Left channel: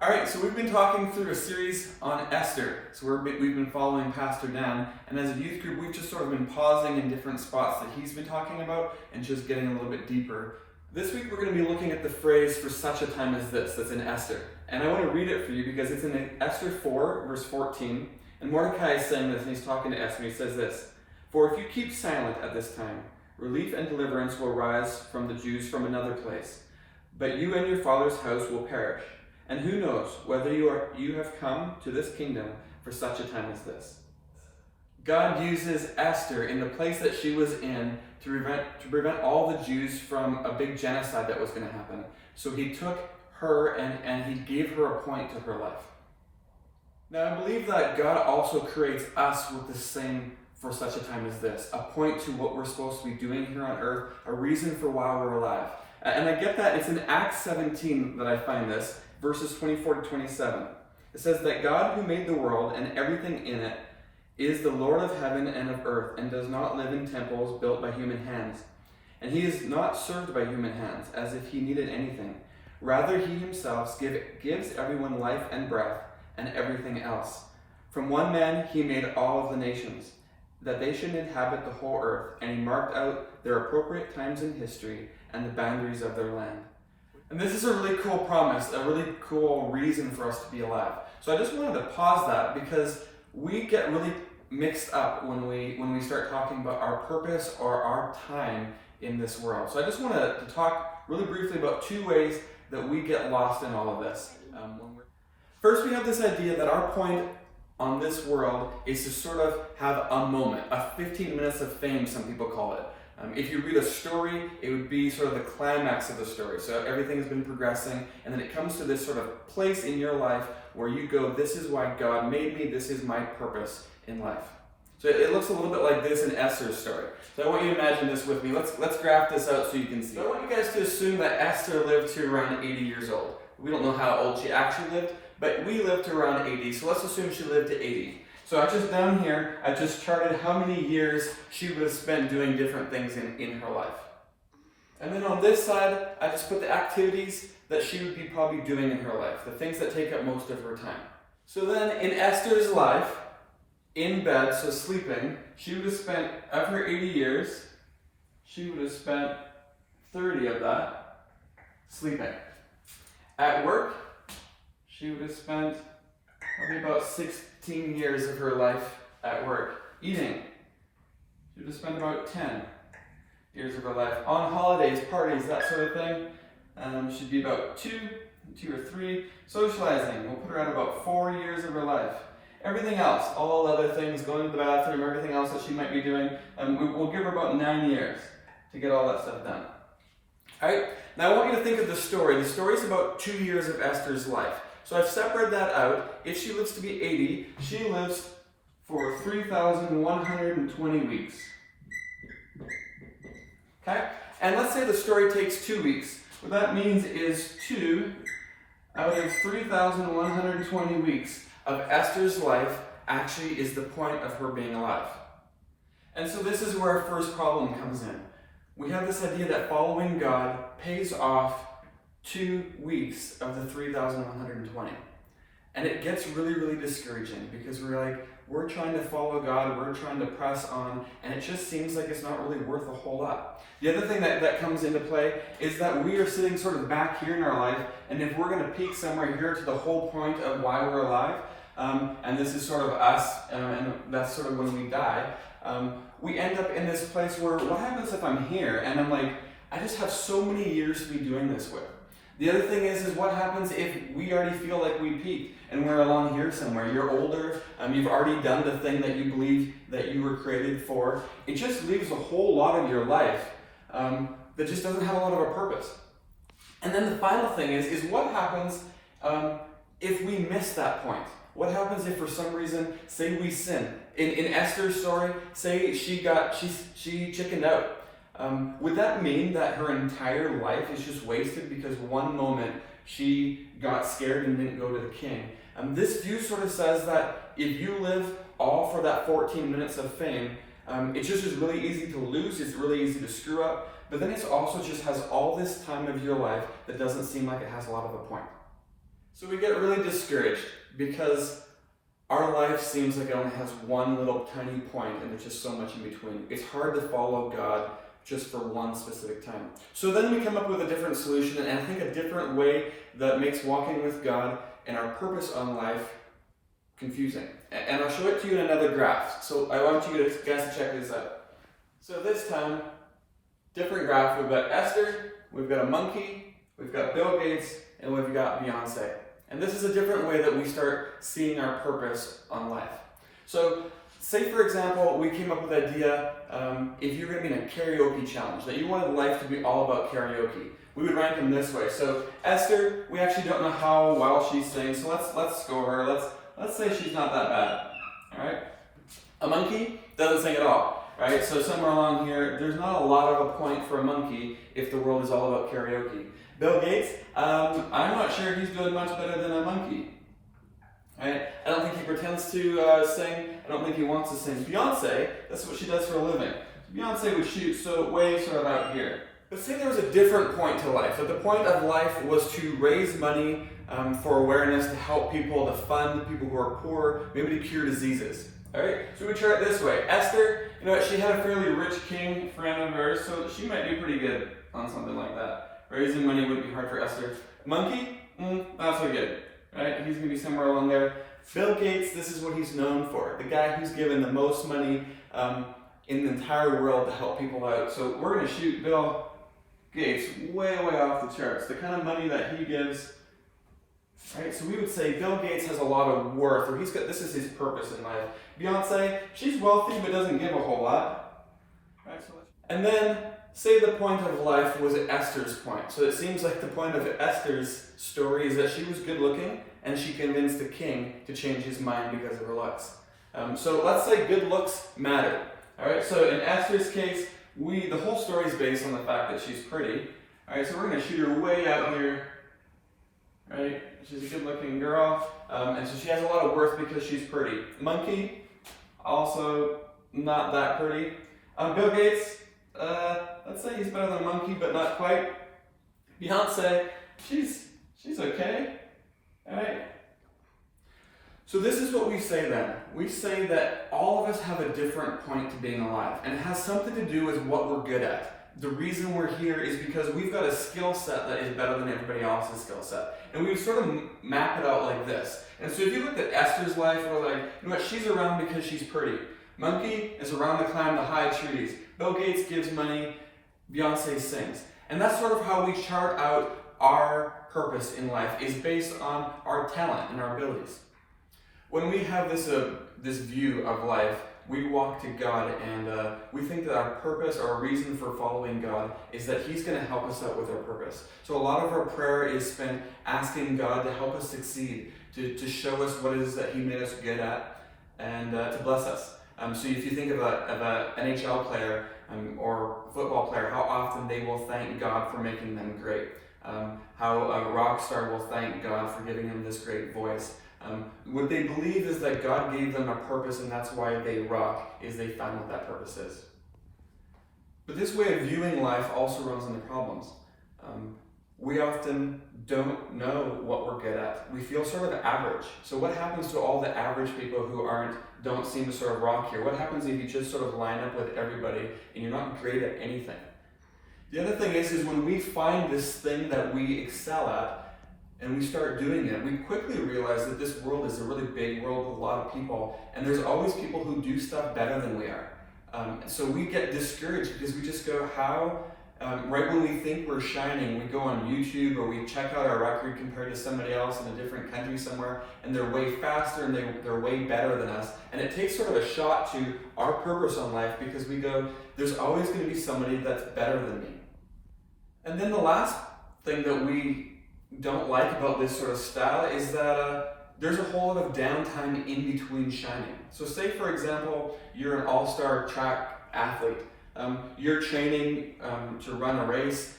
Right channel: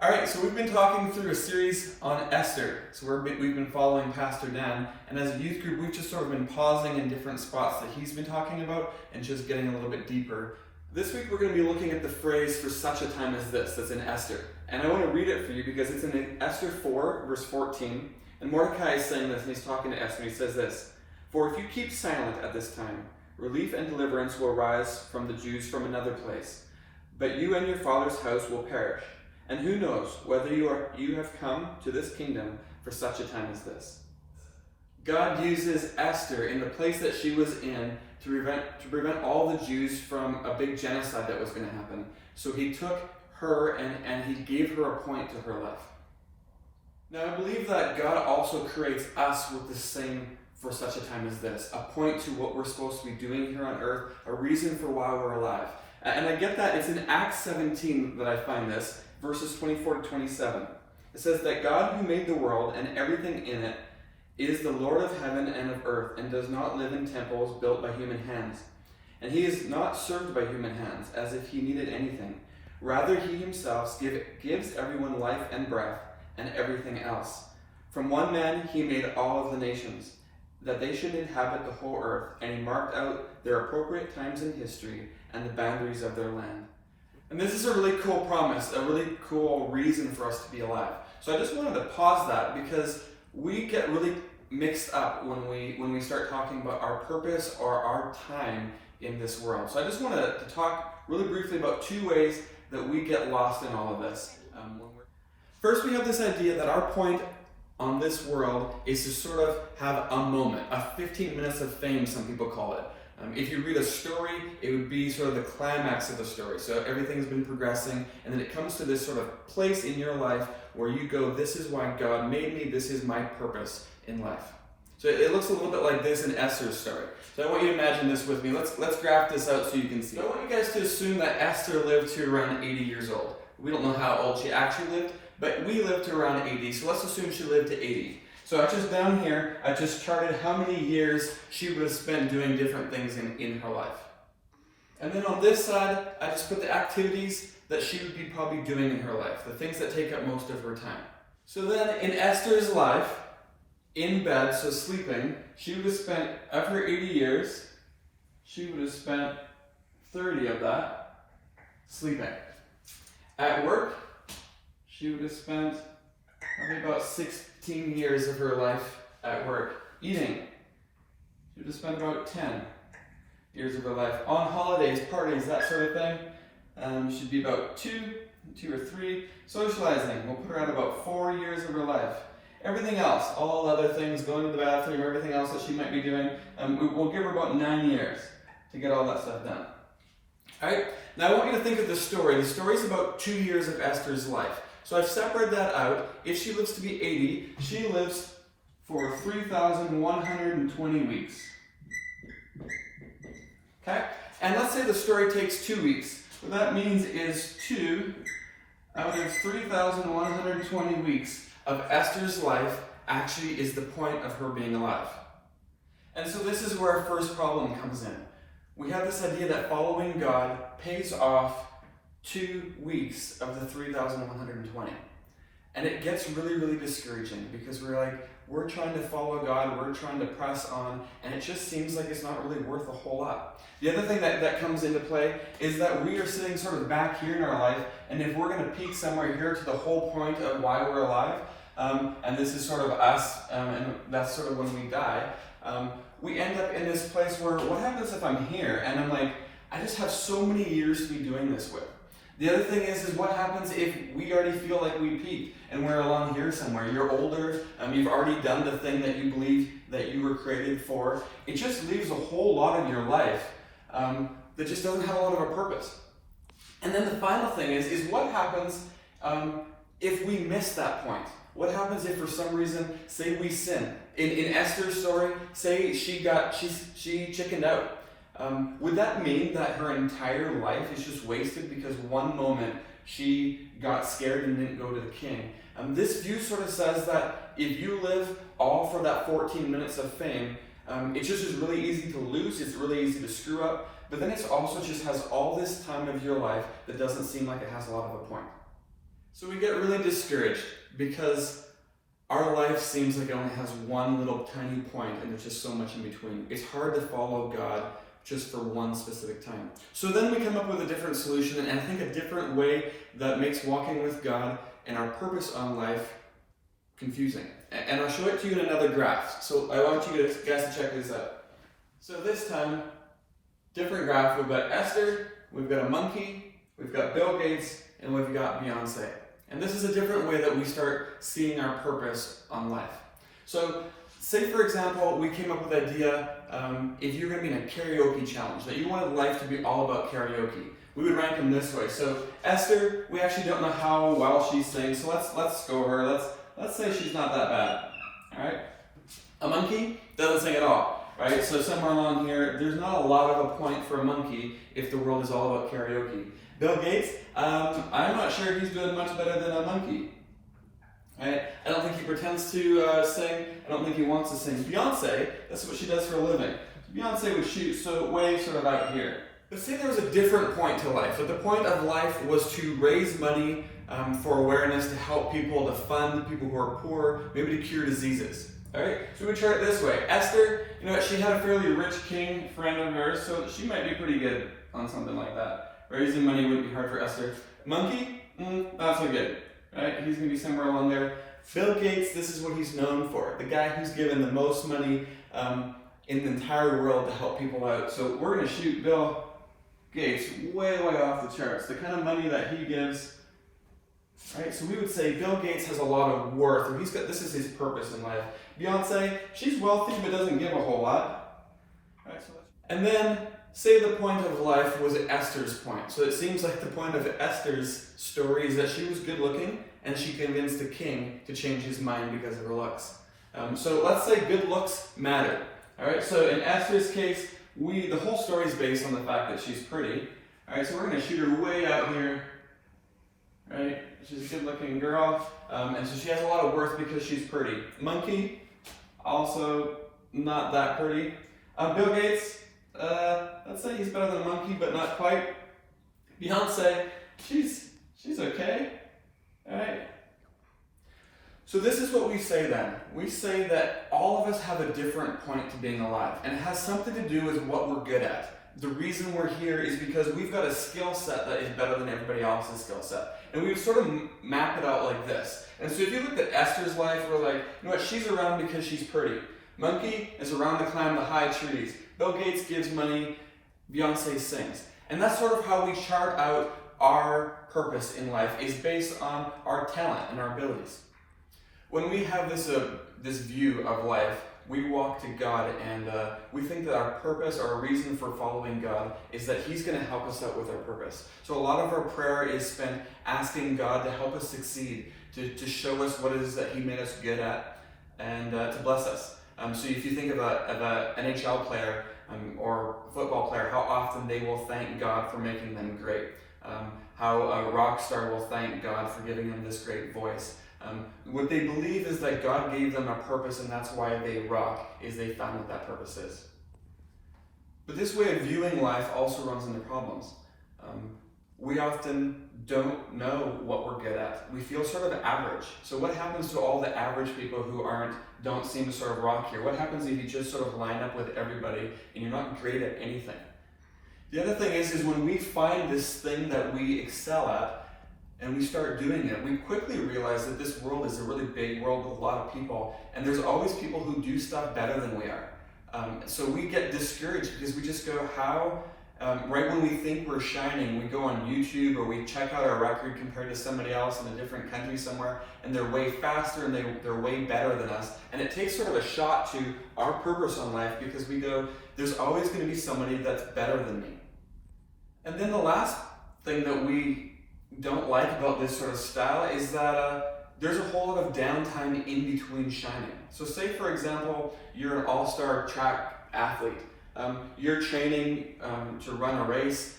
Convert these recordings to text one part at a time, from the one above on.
All right, so we've been talking through a series on Esther. So we've been following Pastor Dan, and as a youth group, we've just sort of been pausing in different spots that he's been talking about and just getting a little bit deeper. This week, we're going to be looking at the phrase "for such a time as this" that's in Esther. And I want to read it for you because it's in Esther 4, verse 14. And Mordecai is saying this, and he's talking to Esther, and he says this: "For if you keep silent at this time, relief and deliverance will rise from the Jews from another place. But you and your father's house will perish. And who knows whether you have come to this kingdom for such a time as this." God uses Esther in the place that she was in to prevent all the Jews from a big genocide that was going to happen. So he took her and he gave her a point to her life. Now I believe that God also creates us with the same "for such a time as this," a point to what we're supposed to be doing here on earth, a reason for why we're alive. And I get that it's in Acts 17 that I find this, verses 24 to 27. It says that God, who made the world and everything in it, is the Lord of heaven and of earth, and does not live in temples built by human hands. And he is not served by human hands, as if he needed anything. Rather, he himself gives everyone life and breath and everything else. From one man he made all of the nations, that they should inhabit the whole earth, and he marked out their appropriate times in history and the boundaries of their land. And this is a really cool promise, a really cool reason for us to be alive. So I just wanted to pause that because we get really mixed up when we start talking about our purpose or our time in this world. So I just wanted to talk really briefly about two ways that we get lost in all of this. First, we have this idea that our point on this world is to sort of have a moment, a 15 minutes of fame, some people call it. If you read a story, it would be sort of the climax of the story. So everything's been progressing, and then it comes to this sort of place in your life where you go, this is why God made me, this is my purpose in life. So it looks a little bit like this in Esther's story. So I want you to imagine this with me. Let's graph this out so you can see. So I want you guys to assume that Esther lived to around 80 years old. We don't know how old she actually lived, but we lived to around 80, so let's assume she lived to 80. So down here, I just charted how many years she would have spent doing different things in her life. And then on this side, I just put the activities that she would be probably doing in her life, the things that take up most of her time. So then in Esther's life, in bed, so sleeping, she would have spent, of her 80 years, she would have spent 30 of that sleeping. At work, she would have spent probably about 16 years of her life at work. Eating, she would have spent about 10 years of her life. On holidays, parties, that sort of thing, she'd be about two or three. Socializing, we'll put her at about 4 years of her life. Everything else, all other things, going to the bathroom, everything else that she might be doing, we'll give her about 9 years to get all that stuff done. All right, now I want you to think of the story. The story is about 2 years of Esther's life. So I've separated that out. If she lives to be 80, she lives for 3,120 weeks. Okay? And let's say the story takes 2 weeks. What that means is 2 out of 3,120 weeks of Esther's life actually is the point of her being alive. And so this is where our first problem comes in. We have this idea that following God pays off 2 weeks of the 3,120. And it gets really, really discouraging because we're trying to follow God, we're trying to press on, and it just seems like it's not really worth a whole lot. The other thing that comes into play is that we are sitting sort of back here in our life, and if we're going to peak somewhere here to the whole point of why we're alive, and this is sort of us, and that's sort of when we die, we end up in this place where, what happens if I'm here and I'm like, I just have so many years to be doing this with? The other thing is what happens if we already feel like we peaked and we're alone here somewhere? You're older, you've already done the thing that you believe that you were created for. It just leaves a whole lot of your life that just doesn't have a lot of a purpose. And then the final thing is what happens if we miss that point? What happens if for some reason, say we sin? In Esther's story, say she chickened out. Would that mean that her entire life is just wasted because one moment she got scared and didn't go to the king? This view sort of says that if you live all for that 14 minutes of fame, it just is really easy to lose, it's really easy to screw up, but then it also just has all this time of your life that doesn't seem like it has a lot of a point. So we get really discouraged because our life seems like it only has one little tiny point and there's just so much in between. It's hard to follow God just for one specific time. So then we come up with a different solution, and I think a different way that makes walking with God and our purpose on life confusing. And I'll show it to you in another graph. So I want you guys to check this out. So this time, different graph. We've got Esther, we've got a monkey, we've got Bill Gates, and we've got Beyonce. And this is a different way that we start seeing our purpose on life. So say, for example, we came up with the idea, if you're going to be in a karaoke challenge, that you wanted life to be all about karaoke. We would rank them this way. So Esther, we actually don't know how well she sings, so let's score her. Let's say she's not that bad. All right. A monkey doesn't sing at all. Right. So somewhere along here, there's not a lot of a point for a monkey if the world is all about karaoke. Bill Gates, I'm not sure he's doing much better than a monkey. Right? I don't think he pretends to sing. I don't think he wants to sing. Beyonce, that's what she does for a living. Beyonce would shoot so way sort of out here. But say there was a different point to life. That the point of life was to raise money for awareness, to help people, to fund people who are poor, maybe to cure diseases. All right. So we try it this way. Esther, she had a fairly rich king friend of hers, so she might be pretty good on something like that. Raising money wouldn't be hard for Esther. Monkey, not so good. Right? He's going to be somewhere along there. Bill Gates, this is what he's known for. The guy who's given the most money in the entire world to help people out. So we're going to shoot Bill Gates way off the charts. The kind of money that he gives. Right? So we would say Bill Gates has a lot of worth, or this is his purpose in life. Beyonce, she's wealthy but doesn't give a whole lot. Right? And then say the point of life was Esther's point. So it seems like the point of Esther's story is that she was good looking and she convinced the king to change his mind because of her looks. So let's say good looks matter. All right. So in Esther's case, the whole story is based on the fact that she's pretty. All right. So we're going to shoot her way out here. Right. She's a good looking girl, and so she has a lot of worth because she's pretty. Monkey, also not that pretty. Bill Gates. Let's say he's better than a monkey, but not quite. Beyonce, she's okay. Alright? So this is what we say then. We say that all of us have a different point to being alive, and it has something to do with what we're good at. The reason we're here is because we've got a skill set that is better than everybody else's skill set. And we sort of map it out like this. And so if you look at Esther's life, we're like, you know what, she's around because she's pretty. Monkey is around to climb the high trees. Bill Gates gives money. Beyonce sings. And that's sort of how we chart out our purpose in life, is based on our talent and our abilities. When we have this view of life, we walk to God and we think that our purpose or our reason for following God is that He's going to help us out with our purpose. So a lot of our prayer is spent asking God to help us succeed, to show us what it is that He made us good at, and to bless us. So if you think of an NHL player or football player, how often they will thank God for making them great. How a rock star will thank God for giving them this great voice. What they believe is that God gave them a purpose, and that's why they rock, is they found what that purpose is. But this way of viewing life also runs into problems. We often don't know what we're good at. We feel sort of average. So what happens to all the average people who don't seem to sort of rock here? What happens if you just sort of line up with everybody and you're not great at anything? The other thing is when we find this thing that we excel at and we start doing it, we quickly realize that this world is a really big world with a lot of people, and there's always people who do stuff better than we are. So we get discouraged because we just go, right when we think we're shining, we go on YouTube or we check out our record compared to somebody else in a different country somewhere, and they're way faster and they're way better than us. And it takes sort of a shot to our purpose on life because we go, there's always going to be somebody that's better than me. And then the last thing that we don't like about this sort of style is that there's a whole lot of downtime in between shining. So say, for example, you're an all-star track athlete. You're training to run a race.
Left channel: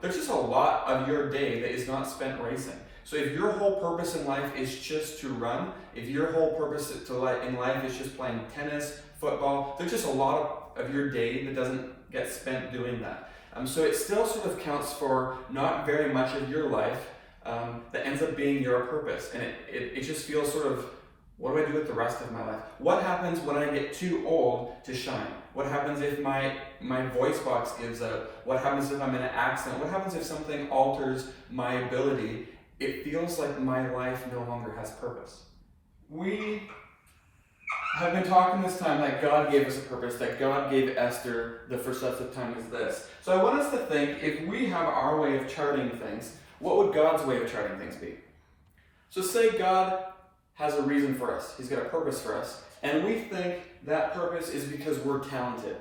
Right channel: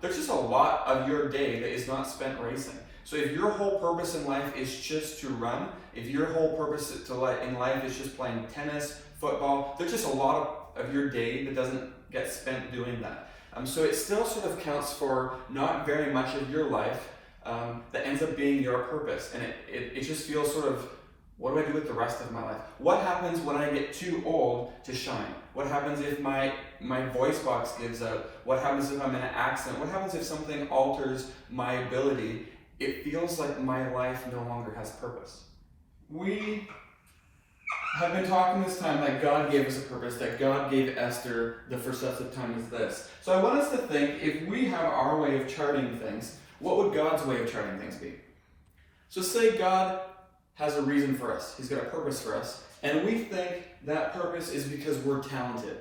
There's just a lot of your day that is not spent racing. So if your whole purpose in life is just to run, if your whole purpose in life is just playing tennis, football, there's just a lot of your day that doesn't get spent doing that. So it still sort of counts for not very much of your life, that ends up being your purpose. And it just feels sort of, what do I do with the rest of my life? What happens when I get too old to shine? What happens if my voice box gives out? What happens if I'm in an accident? What happens if something alters my ability? It feels like my life no longer has purpose. We have been talking this time that God gave us a purpose, that God gave Esther the for such a time as this. So I want us to think, if we have our way of charting things, what would God's way of charting things be? So say God has a reason for us. He's got a purpose for us. And we think that purpose is because we're talented.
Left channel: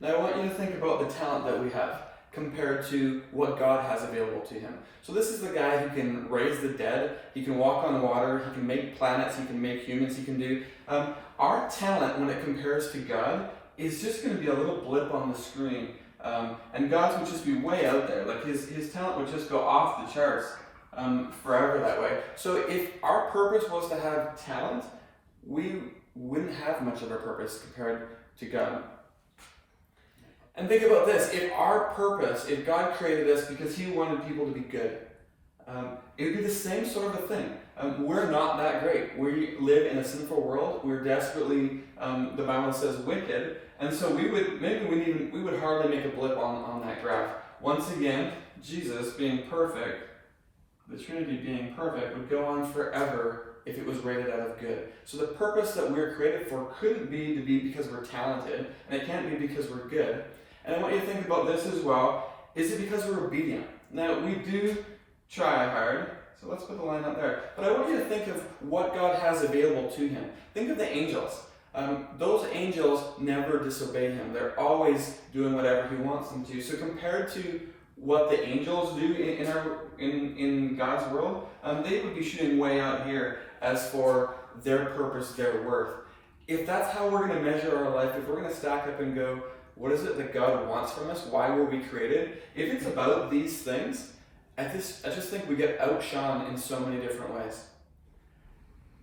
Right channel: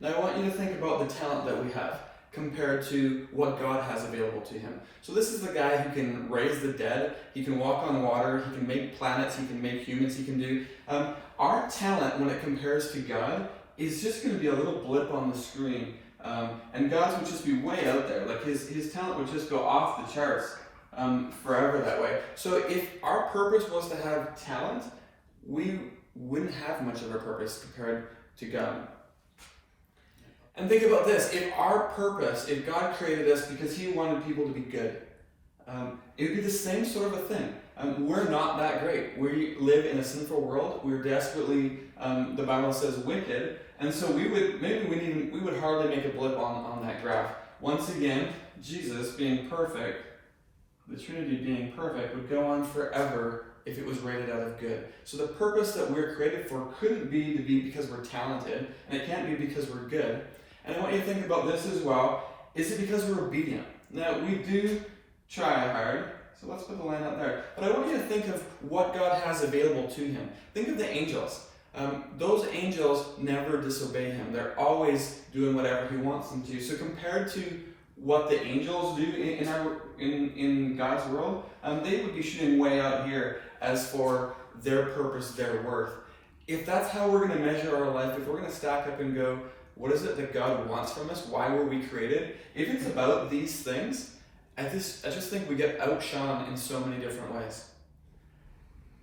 Now I want you to think about the talent that we have compared to what God has available to him. So this is the guy who can raise the dead, he can walk on water, he can make planets, he can make humans, he can do... our talent, when it compares to God, is just going to be a little blip on the screen. And God's would just be way out there. Like his talent would just go off the charts forever that way. So if our purpose was to have talent, we wouldn't have much of a purpose compared to God. And think about this, if God created us because he wanted people to be good, it would be the same sort of a thing. We're not that great. We live in a sinful world. We're desperately, the Bible says, wicked. And so we would hardly make a blip on that graph. Once again, Jesus being perfect, the Trinity being perfect, would go on forever if it was rated out of good. So the purpose that we're created for couldn't be to be because we're talented, and it can't be because we're good. And I want you to think about this as well. Is it because we're obedient? Now, we do try hard, so let's put the line out there. But I want you to think of what God has available to him. Think of the angels. Those angels never disobey him. They're always doing whatever he wants them to. So compared to what the angels do in God's world, they would be shooting way out here as for their purpose, their worth. If that's how we're going to measure our life, if we're going to stack up and go, what is it that God wants from us? Why were we created? If it's about these things, I just think we get outshone in so many different ways.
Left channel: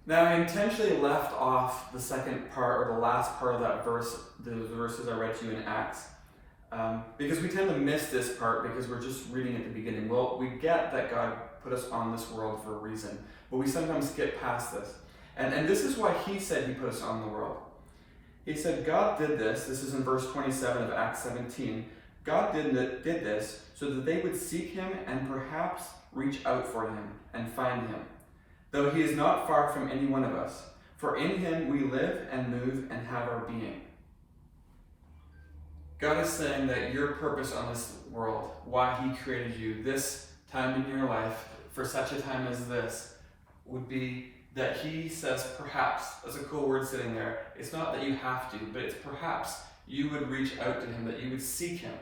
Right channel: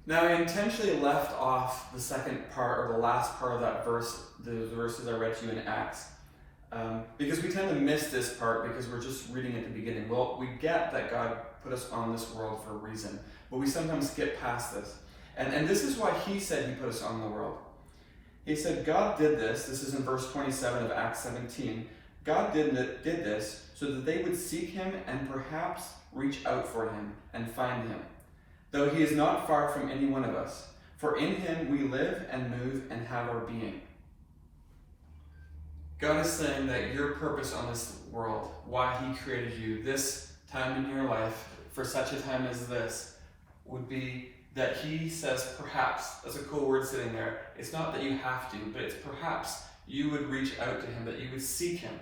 Now, I intentionally left off the second part, or the last part of that verse, the verses I read to you in Acts, because we tend to miss this part because we're just reading at the beginning. Well, we get that God put us on this world for a reason, but we sometimes skip past this. And this is why he said he put us on the world. He said God did this is in verse 27 of Acts 17, God did this so that they would seek him and perhaps reach out for him and find him, though he is not far from any one of us. For in him we live and move and have our being. God is saying that your purpose on this world, why he created you, this time in your life, for such a time as this, would be that he says perhaps. That's a cool word sitting there. It's not that you have to, but it's perhaps you would reach out to him, that you would seek him,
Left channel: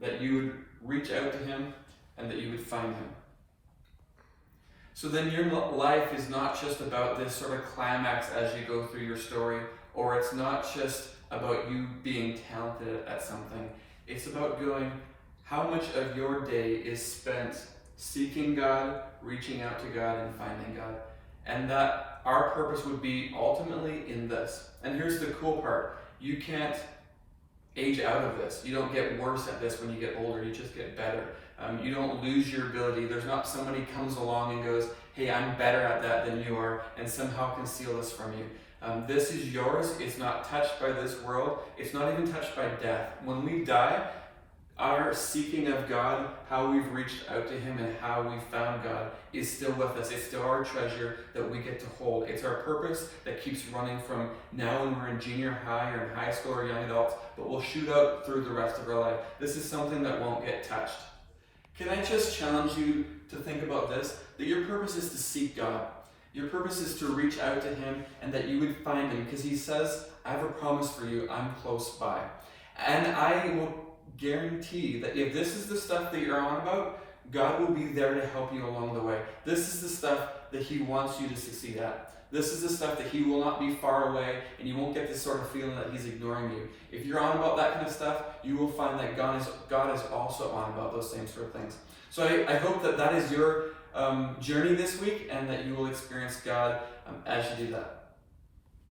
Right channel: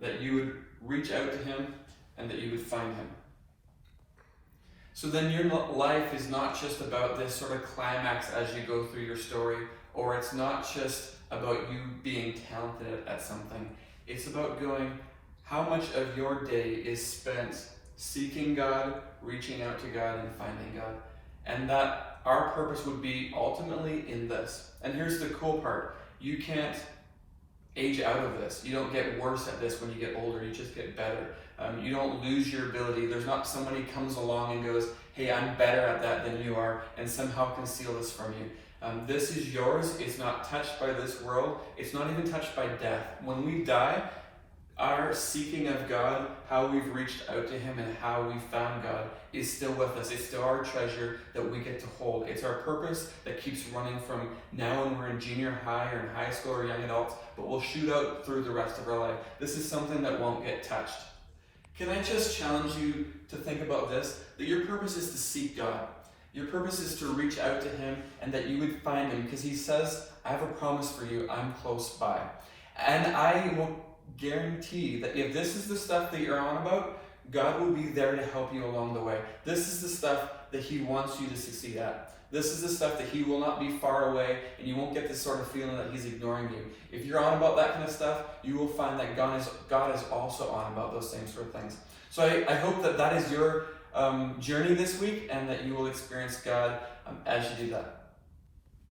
that you would reach out to him, and that you would find him. So then your life is not just about this sort of climax as you go through your story, or it's not just about you being talented at something. It's about going, how much of your day is spent seeking God, reaching out to God, and finding God. And that our purpose would be ultimately in this. And here's the cool part. You can't age out of this. You don't get worse at this when you get older. You just get better. You don't lose your ability. There's not somebody comes along and goes, hey, I'm better at that than you are, and somehow conceal this from you. This is yours. It's not touched by this world. It's not even touched by death. When we die, our seeking of God, how we've reached out to him and how we found God is still with us. It's still our treasure that we get to hold. It's our purpose that keeps running from now when we're in junior high or in high school or young adults, but we'll shoot out through the rest of our life. This is something that won't get touched. Can I just challenge you to think about this? That your purpose is to seek God. Your purpose is to reach out to him and that you would find him, because he says, I have a promise for you. I'm close by. And I will guarantee that if this is the stuff that you're on about, God will be there to help you along the way. This is the stuff that he wants you to succeed at. This is the stuff that he will not be far away, and you won't get this sort of feeling that he's ignoring you. If you're on about that kind of stuff, you will find that God is also on about those same sort of things. So I hope that is your journey this week, and that you will experience God as you do that.